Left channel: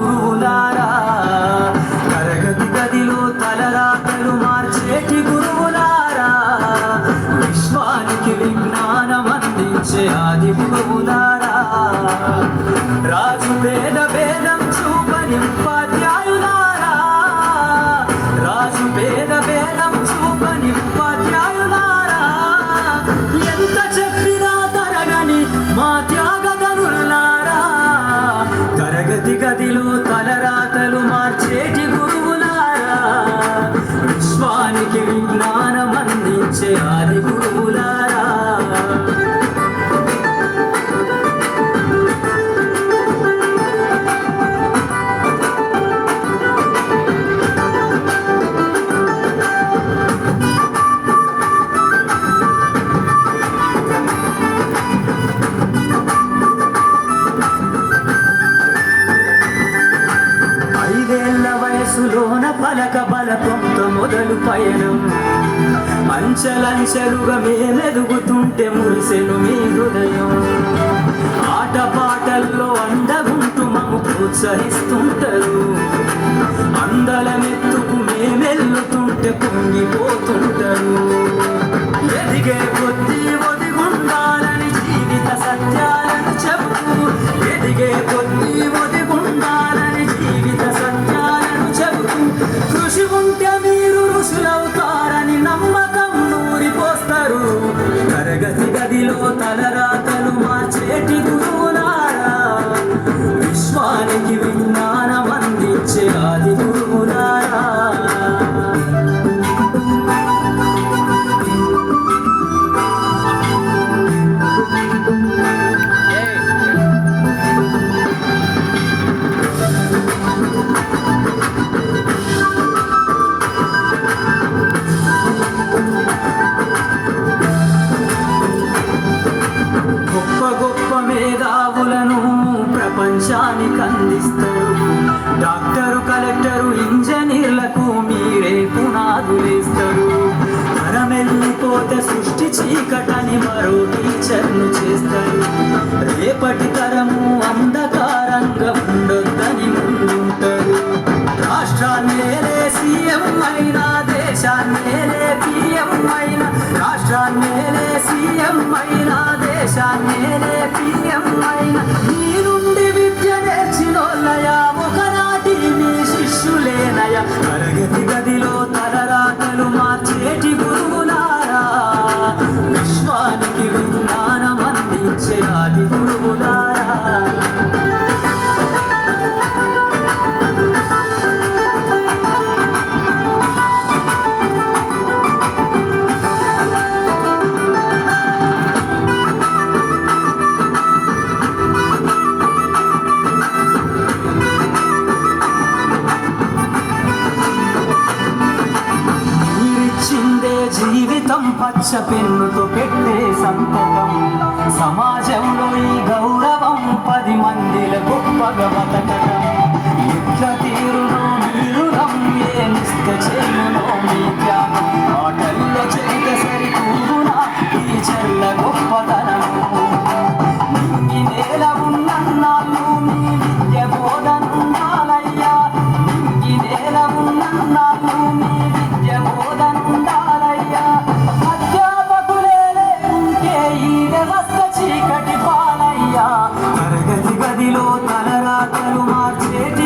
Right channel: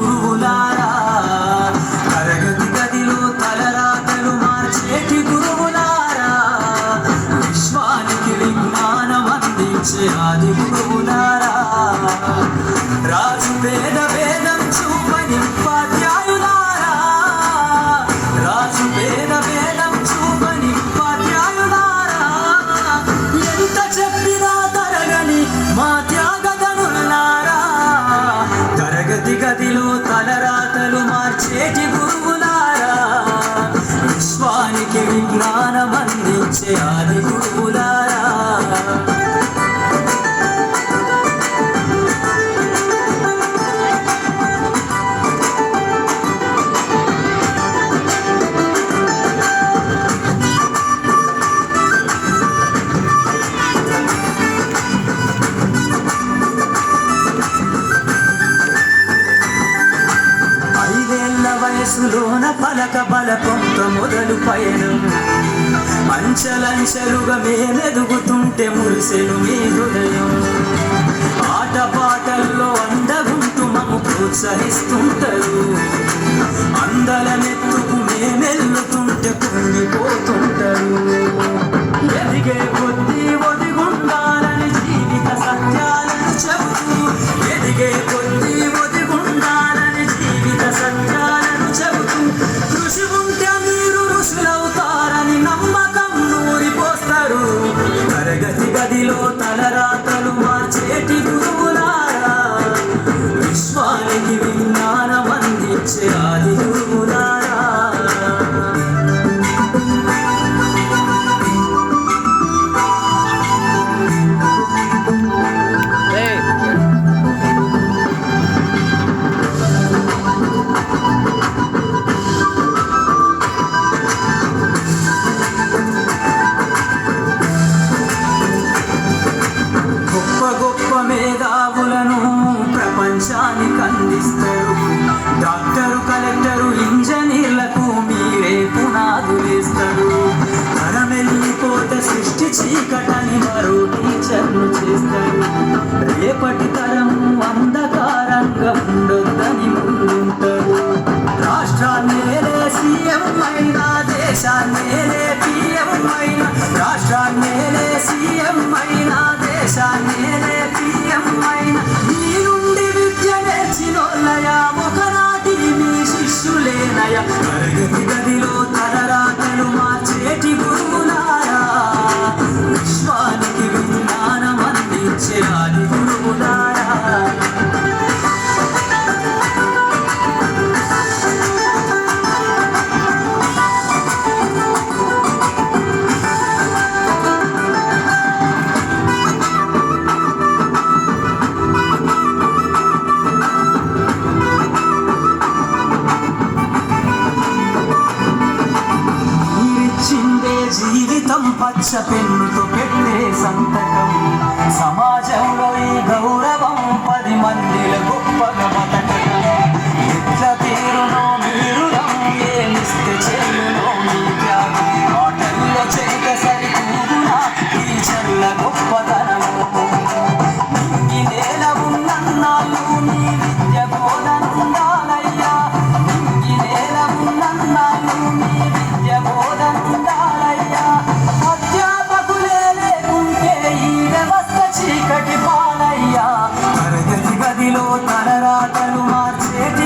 గురువులారా, తరగతి గదిలో తలరాతలు మార్చేటి గురువులారా, విశ్వానికి విజ్ఞానం అందించే ఆది గురువులారా, రాజు పేద భేదం చూపని ఉపాధ్యాయులారా, రాజు పేద భేదం చూపని ఉపాధ్యాయులారా, ఎంత చెప్పినా తరగని మా త్యాగధనులారా, తరగతి గదిలో తలరాతలు మార్చేటి గురువులారా, విశ్వానికి విజ్ఞానం అందించే ఆది గురువులారా. వయసులోన పలక బలపంత మొదలు పయనం, అంచెలంచెలుగా మేమెదుగుతుంటే మురిసెను మీ హృదయం, ఆటపాటల్లో అందగుంటూ మమ్ము ప్రోత్సహిస్తుంటారు, అందలనెత్తుకు మేమెల్లుతుంటే పొంగిపోతుంటారు, ఎదిగే కొద్దీ ఒదిగుండాలని జీవిత సత్యాలను చెబుతూ, ఎదిగే కొద్దీ ఒదిగుండాలని జీవిత సత్యాలను చెబుతూ, కృషి ఉంటే మీరు ఋషులవుతారని నమ్మకం నూరిపోస్తారు, తరగతి గదిలో తలరాతలు మార్చేటి గురువులారా, విశ్వానికి విజ్ఞానం అందించే ఆది గురువులారా. మేధావులను ప్రపంచానికి అందిస్తారు, డాక్టరు కలెక్టరు ఇంజనీర్లకు మీరే పునాదులేస్తారు, తరమెల్లిపోతే సృష్టి చీకటని మరో టీచర్ను చేస్తారు, రేపటి తరము అంధకారంగా ఉండొద్దని ముందుంటారు, రాష్ట్రాన్నేలే సీఎం అయినా దేశాన్నేలే పిఎం అయినా, రాష్ట్రాన్నేలే సీఎం అయినా దేశాన్నేలే పిఎం అయినా, మీ నుండి విద్య నేర్చినోళ్ళయా ఒకనాటి మీ శిష్యులేనయా, తరగతి గదిలో తలరాతలు మార్చేటి గురువులారా, విశ్వానికి విజ్ఞానం అందించే ఆది గురువులారా. జీవితం పచ్చ పెన్నుతో పెట్టే సంతకం, సమాజంలో ఈ గౌరవం 10 మందిల గొప్పగా బతకడం, యుద్ధ తీరులో మీరు ఏమిస్తే చెల్లులో మీ త్యాగం, ఆటల్లో చేత సరికూరునా ఈ చల్ల గొప్పతనం, నింగి నేల ఉన్నన్నాళ్ళు నీ విద్య బోధనుండాలయ్యా, నింగి నేల ఉన్నన్నాళ్ళు నీ విద్య బోధనుండాలయ్యా, అధ్యాపకులే లేకుంటే ఈ వ్యవస్థ చీకటి పాలయ్యా, తరగతి గదిలో తలరాతలు మార్చేటి